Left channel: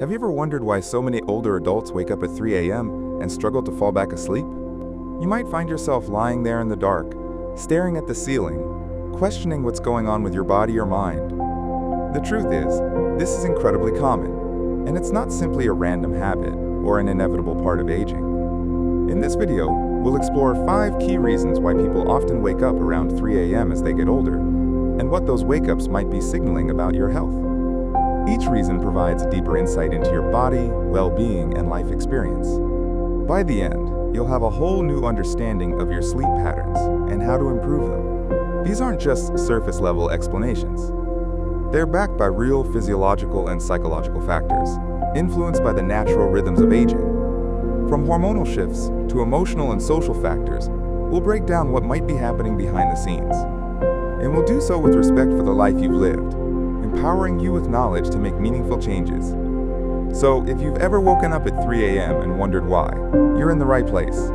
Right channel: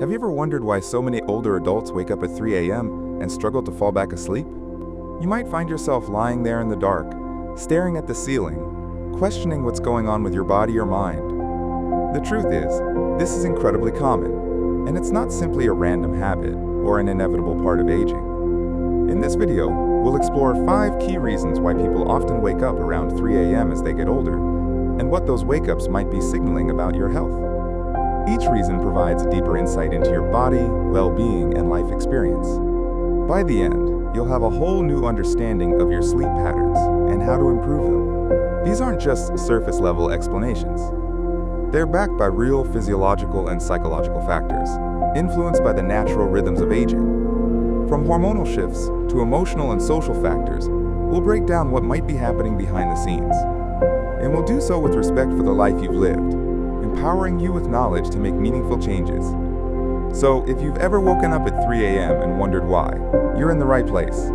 Have you ever wondered why so many older adults wake up at 3 a.m. and struggle to fall back asleep? You might find yourself lying there in the dark, staring at the ceiling, questioning what's going on with your body or mind. The truth is, this is incredibly common, and it's not simply a random habit or an inevitable part of aging. In this video, we'll explore 5 key reasons why people often wake up around 3 a.m. as they get older, and what those wake-ups might be signaling about your health. Each reason provides a deeper insight into your body, well-being, and life experience. By the end, you'll have a whole new understanding of your sleep patterns and how to improve them. These aren't just surface-level explanations. They're backed by real physiological and psychological factors, influenced by the natural rhythms of aging. From hormonal shifts to emotional and social factors, we'll break down what might be happening behind the scenes. And we'll do so with respect for the life you've lived, empowering you with knowledge to make meaningful changes. So, if you've ever woken up at 3 a.m. and wondered why, you're in the right place.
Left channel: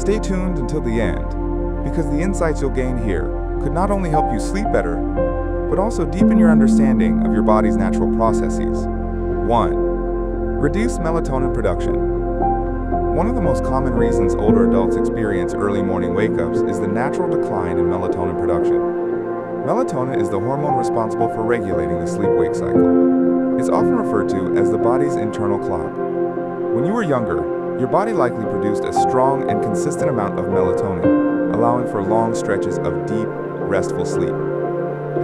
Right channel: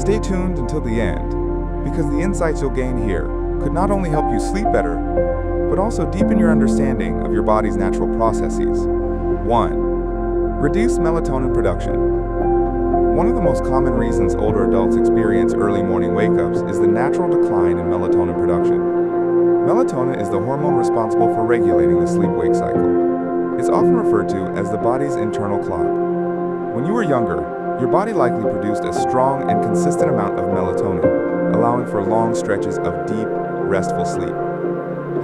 Stay tuned until the end, because the insights you'll gain here could not only help you sleep better, but also deepen your understanding of your body's natural processes. 1. Reduce melatonin production. One of the most common reasons older adults experience early morning wake-ups is the natural decline in melatonin production. Melatonin is the hormone responsible for regulating the sleep-wake cycle. It's often referred to as the body's internal clock. When you were younger, your body likely produced a strong and consistent amount of melatonin, allowing for long stretches of deep, restful sleep.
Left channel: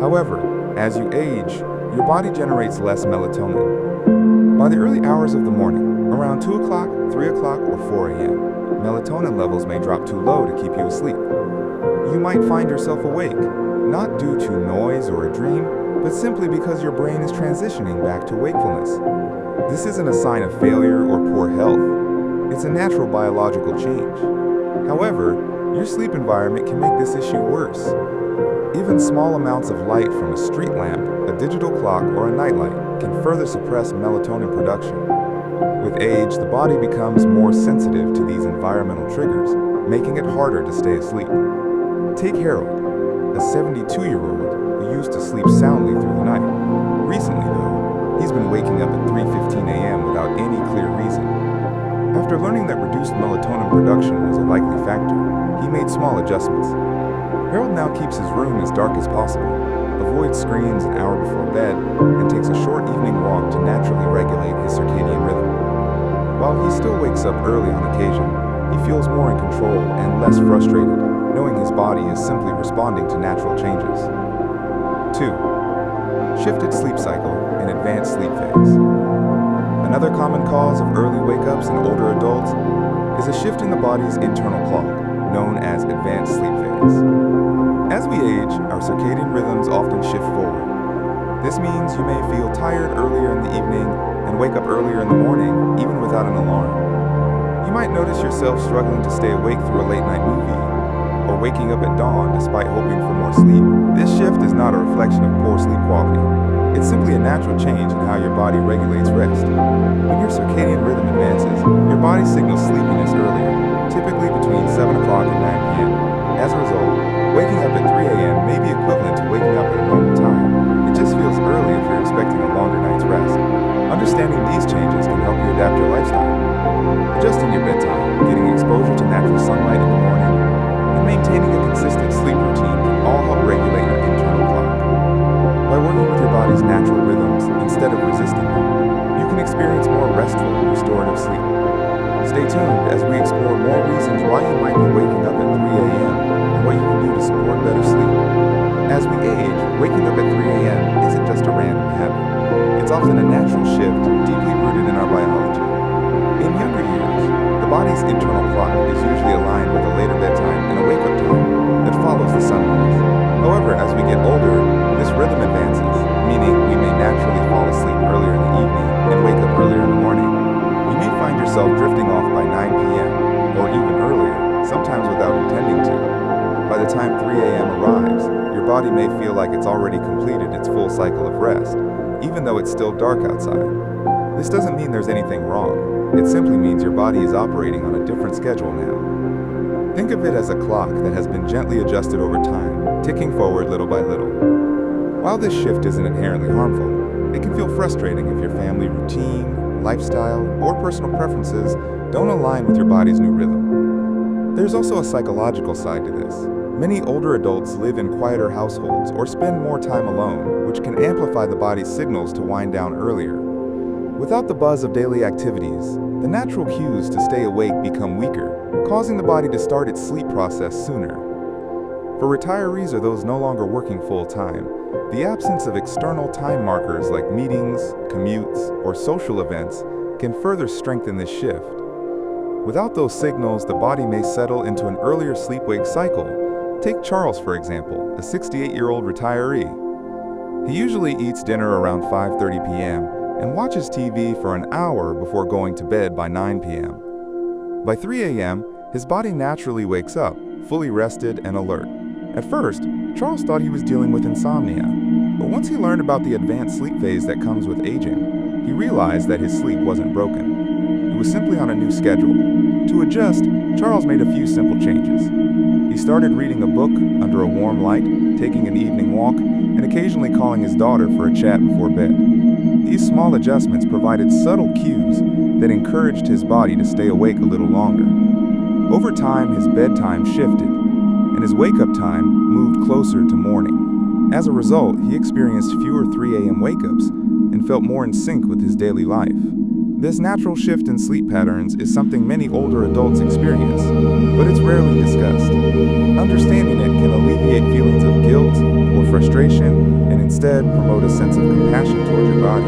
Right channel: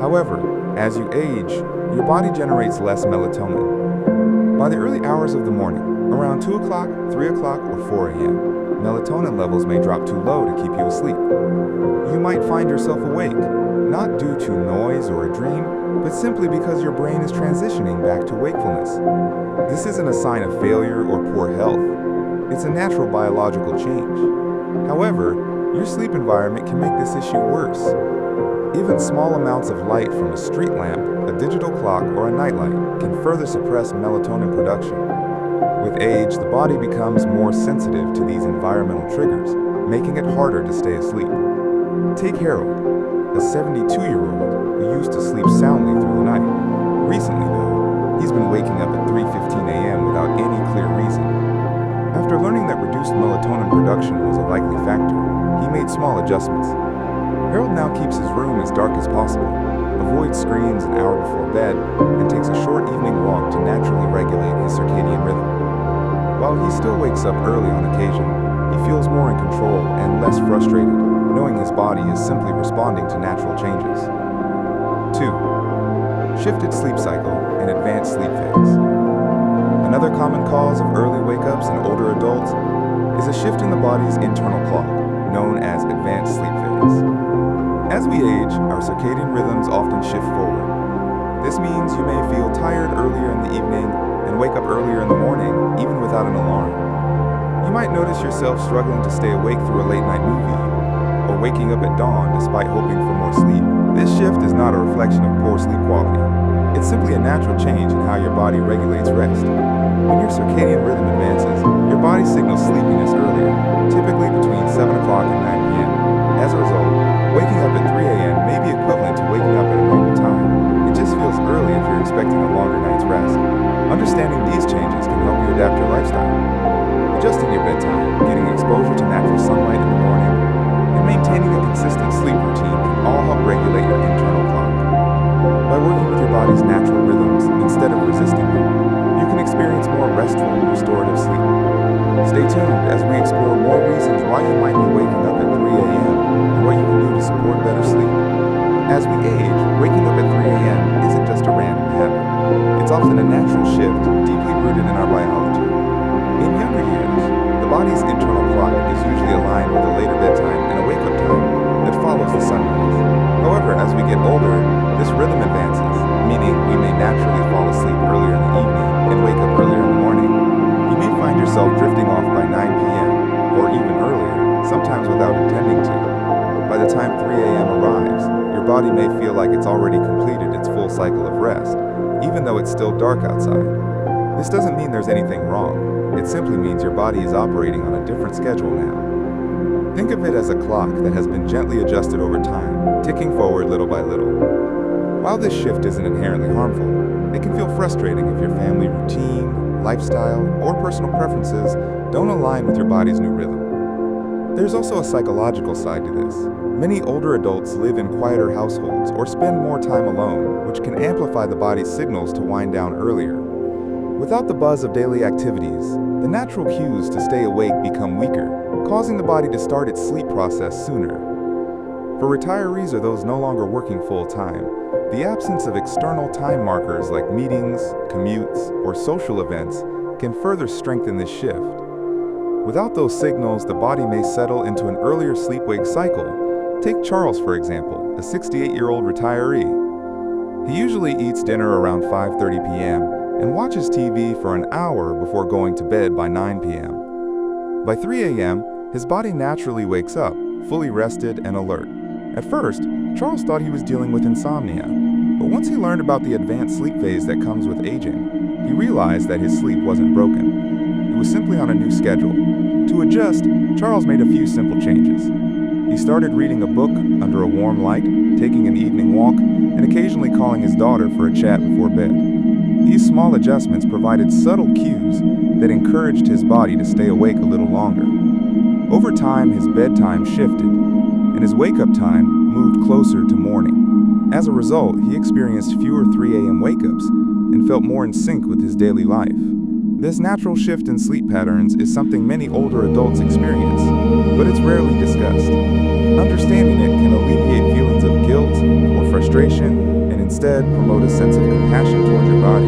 However, as you age, your body generates less melatonin. By the early hours of the morning, around 2 o'clock, 3 o'clock, or 4 a.m., melatonin levels may drop too low to keep you asleep. You might find yourself awake, not due to noise or a dream, but simply because your brain is transitioning back to wakefulness. This isn't a sign of failure or poor health. It's a natural biological change. However, your sleep environment can make this issue worse. Even small amounts of light from a street lamp, a digital clock, or a nightlight can further suppress melatonin production. With age, the body becomes more sensitive to these environmental triggers, making it harder to stay asleep. Take Harold, a 72-year-old who used to sleep soundly through the night. Recently, though, he's been waking up at 3:15 a.m. without any clear reason. After learning that reduced melatonin production was a likely factor, he made small adjustments. Harold now keeps his room as dark as possible, avoids screens an hour before bed, and takes a short evening walk to naturally regulate his circadian rhythm. While he still wakes up early on occasion, he feels more in control and less frustrated, knowing his body is simply responding to natural changes. 2. Shifted sleep cycle and advanced sleep phase. Another common cause of early wake-ups in older adults is a shift in the body's internal clock, known as advanced sleep phase. As we age, our circadian rhythms often shift forward. This means you may feel tired earlier in the evening and wake up earlier in the morning, even without an alarm. You might notice yourself struggling to stay awake through a late-night movie, or waking up at dawn despite hoping for more sleep. This shift is not a reflection of poor sleep quality. It's simply a natural change in how your body regulates rest. When your circadian rhythm advances, your body signals sleepiness earlier, typically between 7 o'clock and 9 p.m. As a result, waking up at 3 a.m. may be equivalent to waking up at a normal time. It just feels early if you're expecting a longer night's rest. Understanding these changes can help you adapt your lifestyle. Adjusting your bedtime, getting exposure to natural sunlight in the morning, and maintaining a consistent sleep routine can all help regulate your internal clock. By working with your body's natural rhythms instead of resisting them, you can experience more restful, restorative sleep. Stay tuned as we explore more reasons why you might be waking up at 3 a.m. and what you can do to support better sleep. As we age, waking up at 3 a.m. isn't just a random habit. It's often a natural shift deeply rooted in our biology. In younger years, the body's internal clock is usually aligned with a later bedtime and a wake-up time that follows the sunrise. However, as we get older, this rhythm advances, meaning we may naturally fall asleep earlier in the evening and wake up earlier in the morning. You may find yourself drifting off by 9 p.m., or even earlier, sometimes without intending to. By the time 3 a.m. arrives, your body may feel like it's already completed its full cycle of rest, even though it's still dark outside. This doesn't mean there's anything wrong. It simply means your body is operating on a different schedule now. Think of it as a clock that has been gently adjusted over time, ticking forward little by little. While this shift isn't inherently harmful, It can feel frustrating if your family routine, lifestyle, or personal preferences don't align with your body's new rhythm. There's also a psychological side to this. Many older adults live in quieter households or spend more time alone, which can amplify the body's signals to wind down earlier. Without the buzz of daily activities, the natural cues to stay awake become weaker, causing the body to start its sleep process sooner. For retirees or those no longer working full-time, the absence of external time markers like meetings, commutes, or social events can further strengthen this shift. Without those signals, the body may settle into an earlier sleep-wake cycle. Take Charles, for example, a 68-year-old retiree. He usually eats dinner around 5:30 p.m. and watches TV for an hour before going to bed by 9 p.m. By 3 a.m., his body naturally wakes up, fully rested and alert. At first, Charles thought he was dealing with insomnia, but once he learned about the advanced sleep phase that comes with aging, he realized that his sleep wasn't broken. It was simply on a new schedule. To adjust, Charles made a few simple changes. He started reading a book under a warm light, taking an evening walk, and occasionally calling his daughter for a chat before bed. These small adjustments provided subtle cues that encouraged his body to stay awake a little longer. Over time, his bedtime shifted, and his wake-up time moved closer to morning. As a result, he experienced fewer 3 a.m. wake-ups and felt more in sync with his daily life. This natural shift in sleep patterns is something many older adults experience, but it's rarely discussed. Understanding it can alleviate feelings of guilt or frustration and instead promote a sense of compassion toward your body.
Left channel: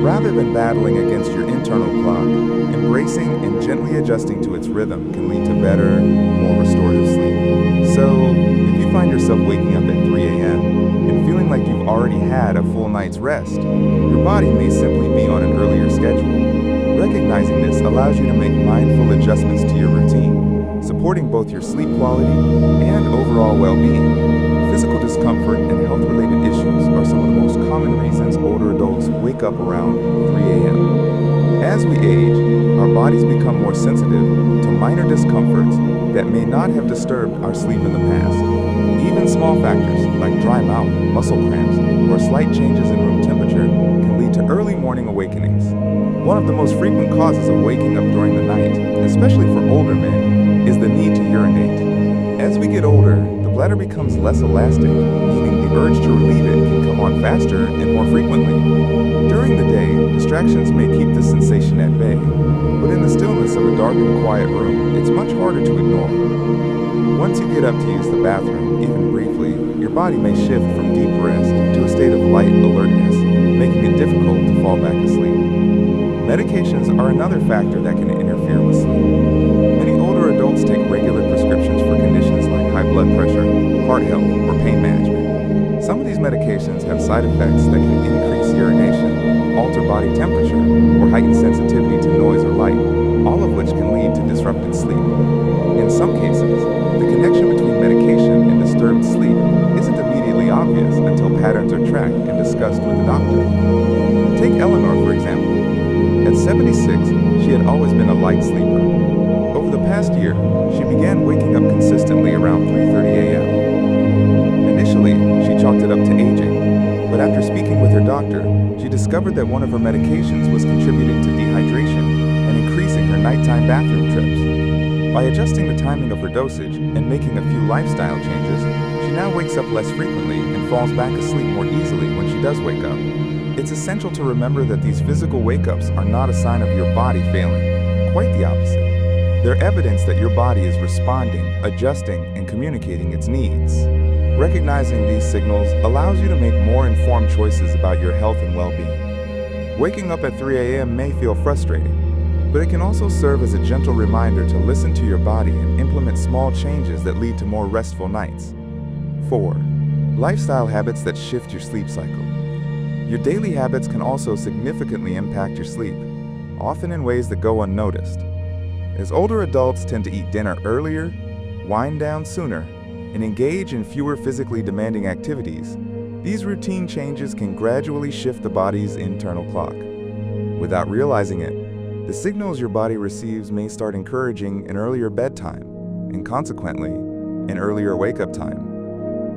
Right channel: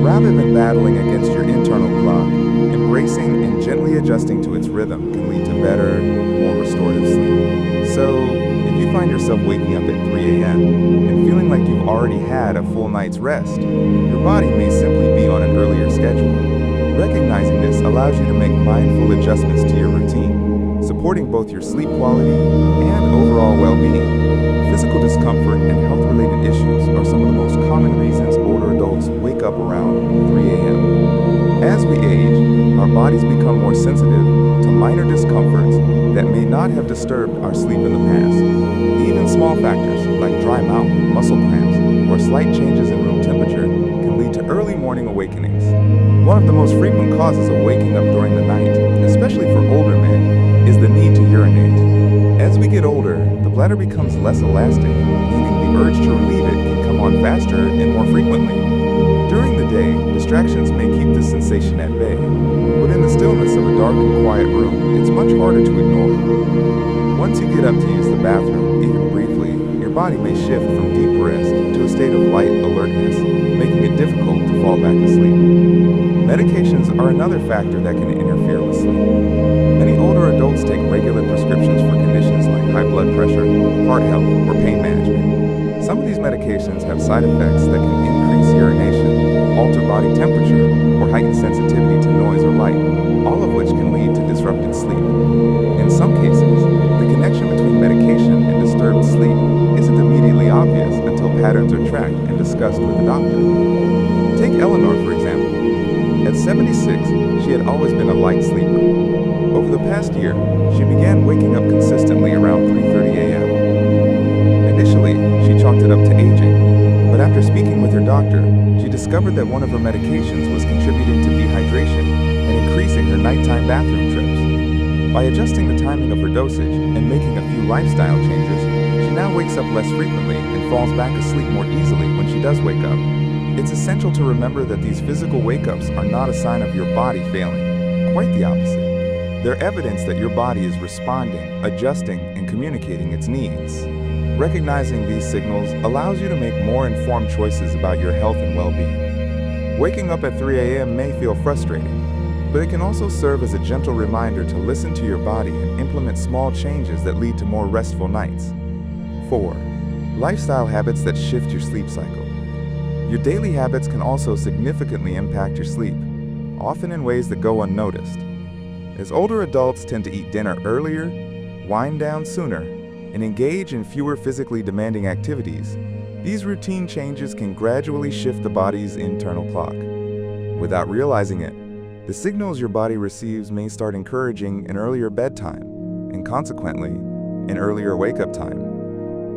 Rather than battling against your internal clock, embracing and gently adjusting to its rhythm can lead to better, more restorative sleep. So, if you find yourself waking up at 3 a.m. and feeling like you've already had a full night's rest, your body may simply be on an earlier schedule. Recognizing this allows you to make mindful adjustments to your routine, supporting both your sleep quality and overall well-being. Physical discomfort and health-related issues are some of the most common reasons older adults wake up around 3 a.m. As we age, our bodies become more sensitive to minor discomforts that may not have disturbed our sleep in the past. Even small factors like dry mouth, muscle cramps, or slight changes in room temperature can lead to early morning awakenings. One of the most frequent causes of waking up during the night, especially for older men, is the need to urinate. As we get older, the bladder becomes less elastic, meaning the urge to relieve it can come on faster and more frequently. During the day, distractions may keep this sensation at bay, but in the stillness of a dark and quiet room, it's much harder to ignore. Once you get up to use the bathroom, even briefly, your body may shift from deep rest to a state of light alertness, making it difficult to fall back asleep. Medications are another factor that can interfere with sleep. Many older adults take regular prescriptions for conditions like high blood pressure, heart health, or pain management. Some of these medications have side effects that can increase urination, alter body temperature, or heighten sensitivity to noise or light, all of which can lead to disrupted sleep. In some cases, the connection between medication and disturbed sleep isn't immediately obvious until patterns are tracked and discussed with the doctor. Take Eleanor, for example. At 76, she had always been a light sleeper. Over the past year, she began waking up consistently around 3:30 a.m. Initially, she chalked it up to aging, but after speaking with her doctor, she discovered that one of her medications was contributing to dehydration and increasing her nighttime bathroom trips. By adjusting the timing of her dosage and making a few lifestyle changes, she now wakes up less frequently and falls back asleep more easily when she does wake up. It's essential to remember that these physical wake-ups are not a sign of your body failing. Quite the opposite. They're evidence that your body is responding, adjusting, and communicating its needs. Recognizing these signals allows you to make more informed choices about your health and well-being. Waking up at 3 a.m. may feel frustrating, but it can also serve as a gentle reminder to listen to your body and implement small changes that lead to more restful nights. 4. Lifestyle habits that shift your sleep cycle. Your daily habits can also significantly impact your sleep, often in ways that go unnoticed. As older adults tend to eat dinner earlier, wind down sooner, and engage in fewer physically demanding activities, these routine changes can gradually shift the body's internal clock. Without realizing it, the signals your body receives may start encouraging an earlier bedtime, and consequently, an earlier wake-up time.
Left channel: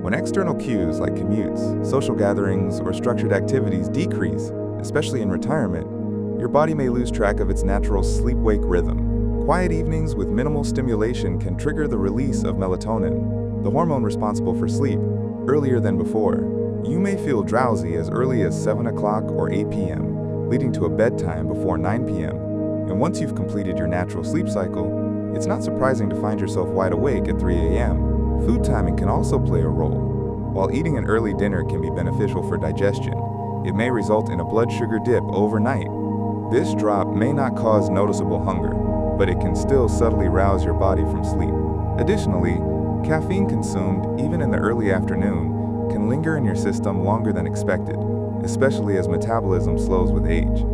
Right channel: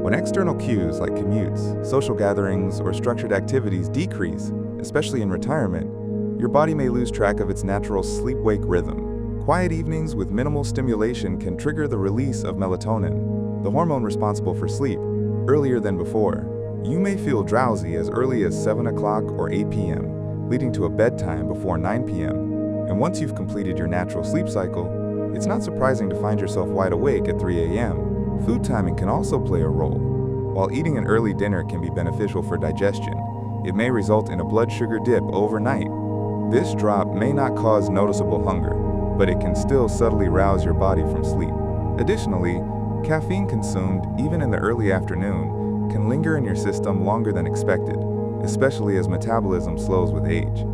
When external cues like commutes, social gatherings, or structured activities decrease, especially in retirement, your body may lose track of its natural sleep-wake rhythm. Quiet evenings with minimal stimulation can trigger the release of melatonin, the hormone responsible for sleep, earlier than before. You may feel drowsy as early as 7 o'clock or 8 p.m., leading to a bedtime before 9 p.m. And once you've completed your natural sleep cycle, it's not surprising to find yourself wide awake at 3 a.m. Food timing can also play a role. While eating an early dinner can be beneficial for digestion, it may result in a blood sugar dip overnight. This drop may not cause noticeable hunger, but it can still subtly rouse your body from sleep. Additionally, caffeine consumed even in the early afternoon can linger in your system longer than expected, especially as metabolism slows with age.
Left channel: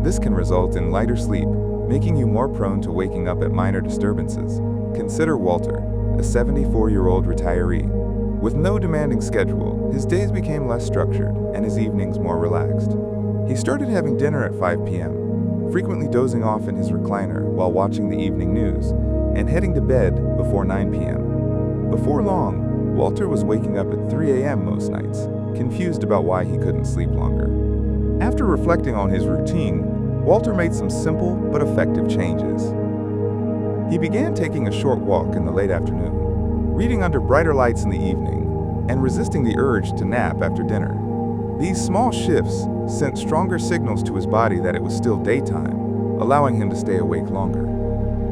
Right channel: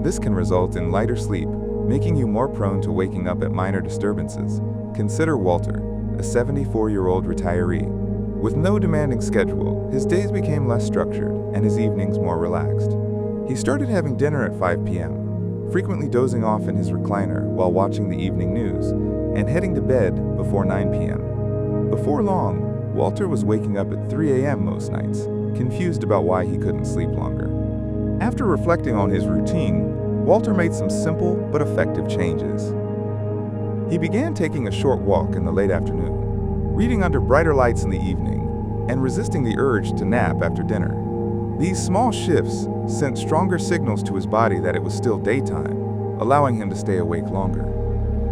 This can result in lighter sleep, making you more prone to waking up at minor disturbances. Consider Walter, a 74-year-old retiree. With no demanding schedule, his days became less structured and his evenings more relaxed. He started having dinner at 5 p.m., frequently dozing off in his recliner while watching the evening news, and heading to bed before 9 p.m. Before long, Walter was waking up at 3 a.m. most nights, confused about why he couldn't sleep longer. After reflecting on his routine, Walter made some simple but effective changes. He began taking a short walk in the late afternoon, reading under brighter lights in the evening, and resisting the urge to nap after dinner. These small shifts sent stronger signals to his body that it was still daytime, allowing him to stay awake longer.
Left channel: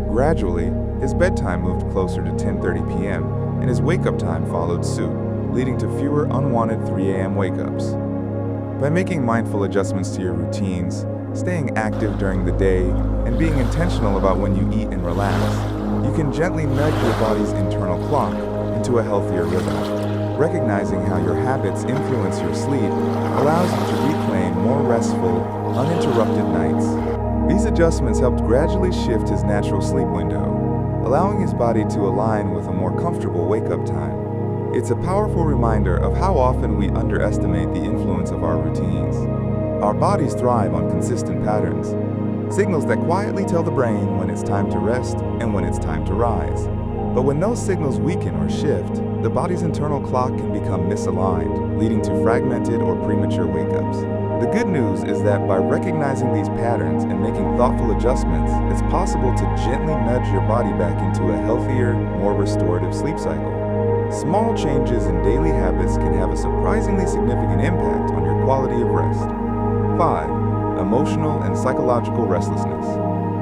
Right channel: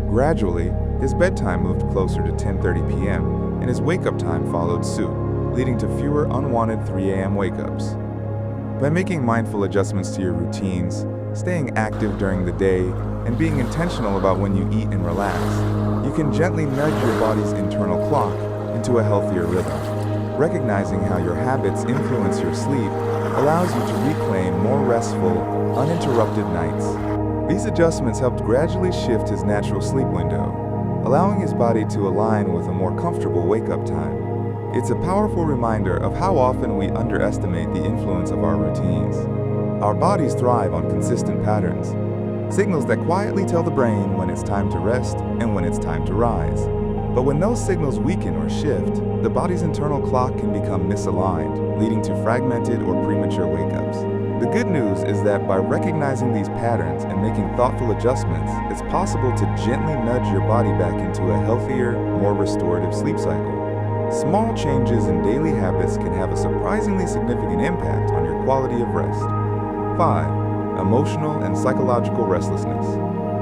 Gradually, his bedtime moved closer to 10:30 p.m., and his wake-up time followed suit, leading to fewer unwanted 3 a.m. wake-ups. By making mindful adjustments to your routines, staying active during the day, and being intentional about when you eat and relax, you can gently nudge your body's internal clock into a healthier rhythm. Recognizing how your habits influence your sleep allows you to reclaim more restful, uninterrupted nights. These adjustments helped gradually shift his natural sleep window, allowing his body to align with a more comfortable wake-up time. It's a powerful reminder of how often we underestimate the influence of our routines. Our bodies thrive on consistent patterns, signals that quietly tell the brain when it's time to rest and when it's time to rise. But when those signals weaken or shift, the body's internal clock can become misaligned, leading to fragmented or premature wake-ups. The good news is that by recognizing these patterns and making thoughtful adjustments, it's possible to gently nudge your body back into a healthier, more restorative sleep cycle. Small changes in daily habits can have a surprisingly significant impact on your quality of rest. 5. Emotional and psychological restlessness.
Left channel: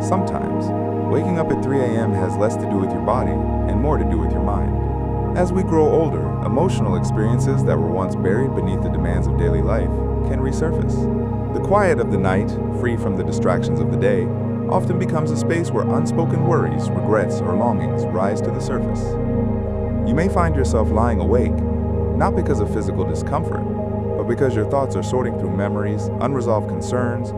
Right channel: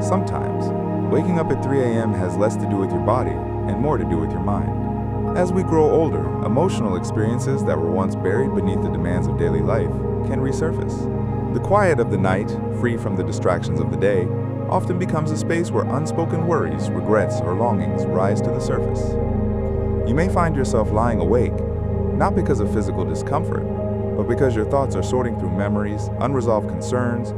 Sometimes, waking up at 3 a.m. has less to do with your body and more to do with your mind. As we grow older, emotional experiences that were once buried beneath the demands of daily life can resurface. The quiet of the night, free from the distractions of the day, often becomes a space where unspoken worries, regrets, or longings rise to the surface. You may find yourself lying awake, not because of physical discomfort, but because your thoughts are sorting through memories, unresolved concerns,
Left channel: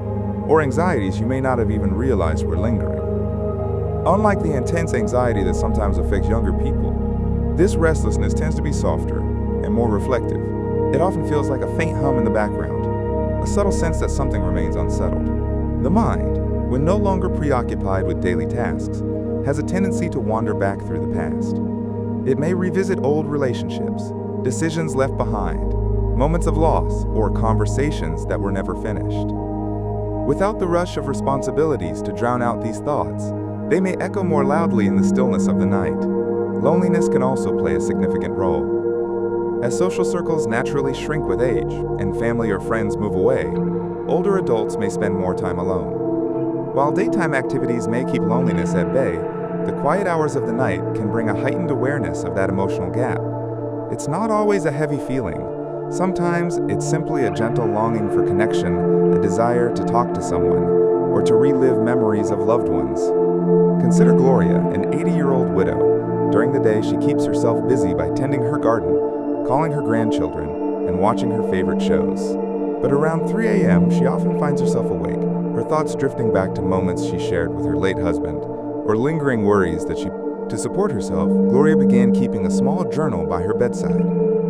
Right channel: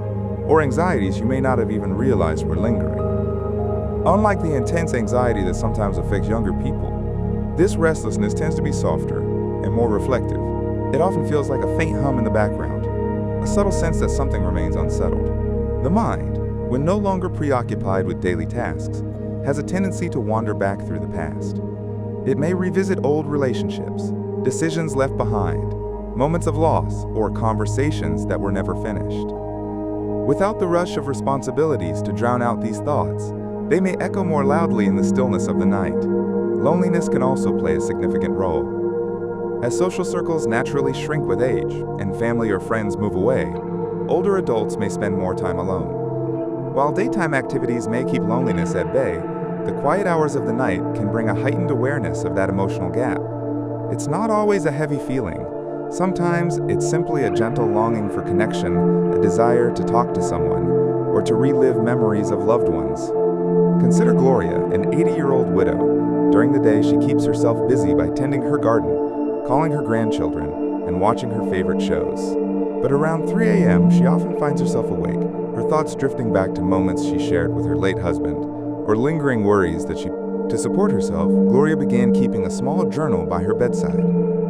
or anxieties you may not have even realized were lingering. Unlike the intense anxiety that sometimes affects younger people, this restlessness tends to be softer and more reflective. It often feels like a faint hum in the background, a subtle sense that something remains unsettled. The mind, when no longer preoccupied with daily tasks, has a tendency to wander back through the past. It may revisit old relationships, decisions left behind, moments of loss, or conversations that were never finished. Without the rush of responsibilities to drown out these thoughts, they may echo more loudly in the stillness of the night. Loneliness can also play a significant role. As social circles naturally shrink with age and family or friends move away, older adults may spend more time alone. While daytime activities may keep loneliness at bay, the quiet hours of the night can bring a heightened awareness of that emotional gap. It's not always a heavy feeling. Sometimes it's simply a gentle longing for connection, a desire to talk to someone, or to relive memories of loved ones. Consider Gloria, an 80-year-old widow. During the day, she keeps herself busy by tending her garden, calling her grandchildren, and watching her favorite shows. But around 3 a.m., she often finds herself awake, her thoughts drifting back to moments she shared with her late husband, or lingering worries that To support herself, Gloria began keeping a small journal by her bedside.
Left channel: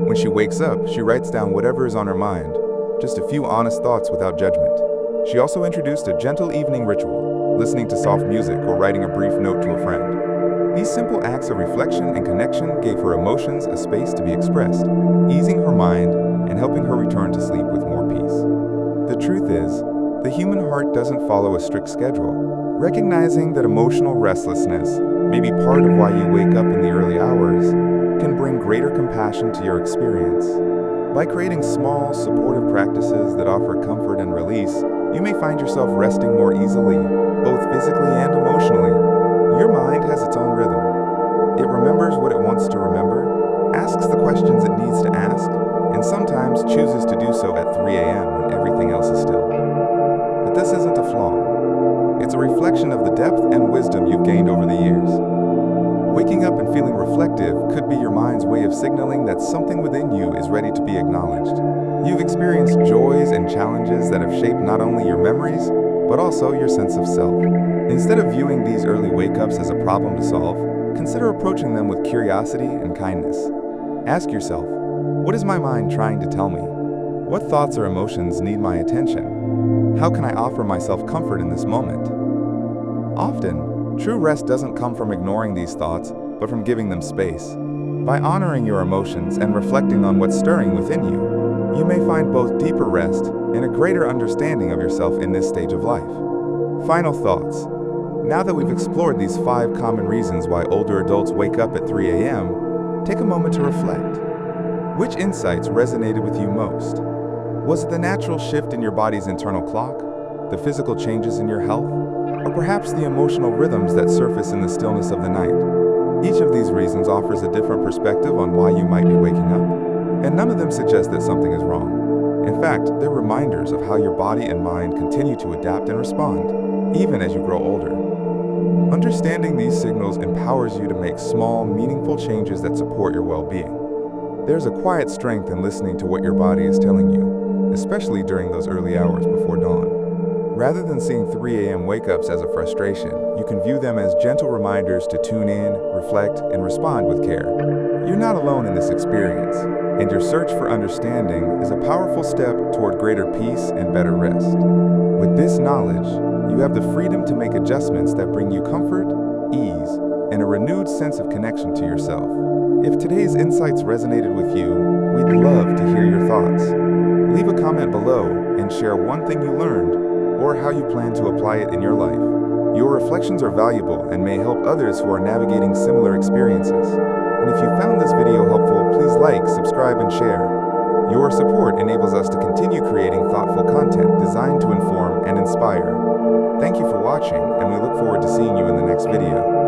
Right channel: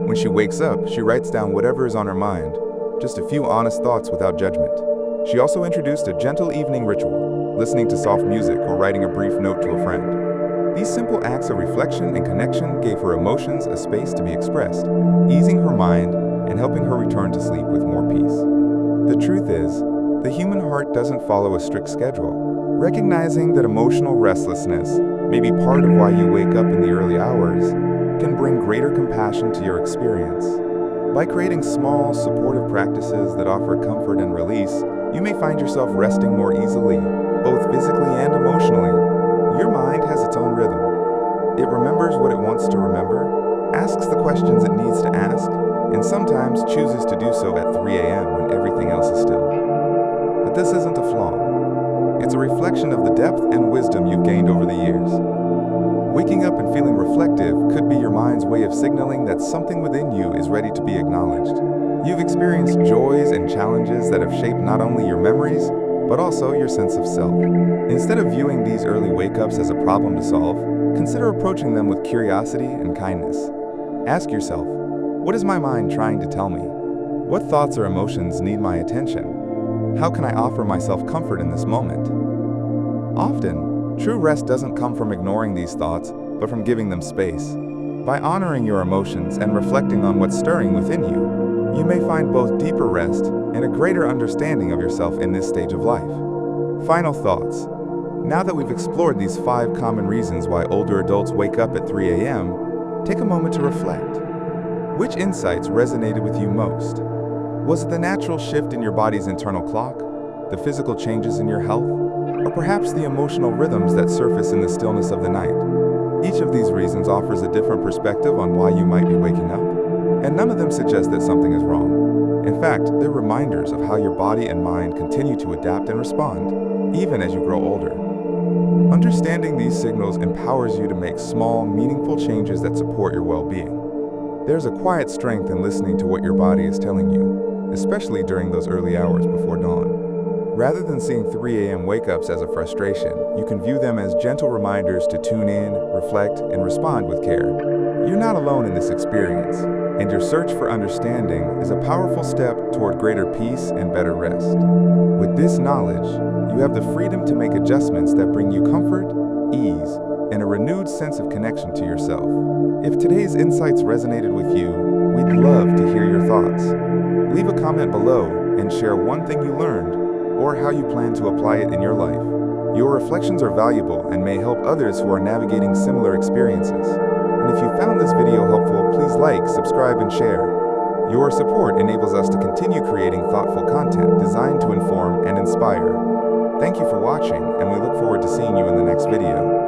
When she wakes up, she writes down whatever is on her mind, just a few honest thoughts without judgment. She also introduced a gentle evening ritual, listening to soft music or writing a brief note to a friend. These simple acts of reflection and connection gave her emotions a space to be expressed, easing her mind and helping her return to sleep with more peace. The truth is, The human heart doesn't follow a strict schedule. Recognizing that emotional restlessness may be part of why you wake up in the early hours can bring greater compassion to your experience. By creating small, supportive practices that offer comfort and release, you may find yourself resting more easily, both physically and emotionally. Your mind has its own rhythm. It remembers what it wants to remember, asks the questions it needs to ask, and sometimes chooses to do so at 3 a.m. when everything else is still. But this isn't a flaw. It's a reflection of the depth and wisdom you've gained over the years. Waking up and feeling reflective could be your mind's way of signaling that something within you is ready to be acknowledged. You've experienced joys and challenges that have shaped not only your memories, but also your sense of self. Instead of viewing these early wake-ups as a problem to solve, consider approaching them with curiosity and kindness. Ask yourself, what is my mind trying to tell me? What thoughts or emotions need my attention? How can I offer myself comfort in this moment? Often, true rest doesn't come from ignoring these thoughts, but from giving them space. By honoring your emotions and reflecting on what's stirring within you, you may find both deeper rest and a greater understanding of yourself in this stage of life. Final thoughts. Now that we've explored these 5 common reasons why older adults wake up at 3 a.m., take a moment to reflect. Which insights resonated with you most? Was it the natural shift in your body's internal clock, the physical changes in your health, or perhaps the emotional rhythms that surface in the stillness of the night? Each of these reasons offers a different perspective on why you might be waking up, and none of them suggest that something is wrong. In fact, they're reminders of how your body and mind continue to adapt and respond, even as you grow older. Understanding these signals empowers you to make small, meaningful changes that support your well-being. There's a quiet strength in listening to what your body is telling you, especially during those early hours before dawn. Rather than seeing 3 a.m. wake-ups as a frustration, you can view them as gentle reminders to tune in, reflect, and respond with care. You're not alone in this experience, and your search for understanding is a powerful step toward greater peace and better rest. With this knowledge, you have the freedom to make adjustments that bring you comfort, ease, and a renewed sense of connection to yourself. If today's insights resonated with you, we'd love to hear your thoughts. Leave a comment below and share one thing you learned or how you plan to apply it in your life. Your reflections are valuable and may help others who are navigating similar experiences. And if you found this video helpful, please like, subscribe, and share. Your support enables us to continue creating thoughtful content designed to inform and inspire. Thank you for watching, and we look forward to seeing you in the next video.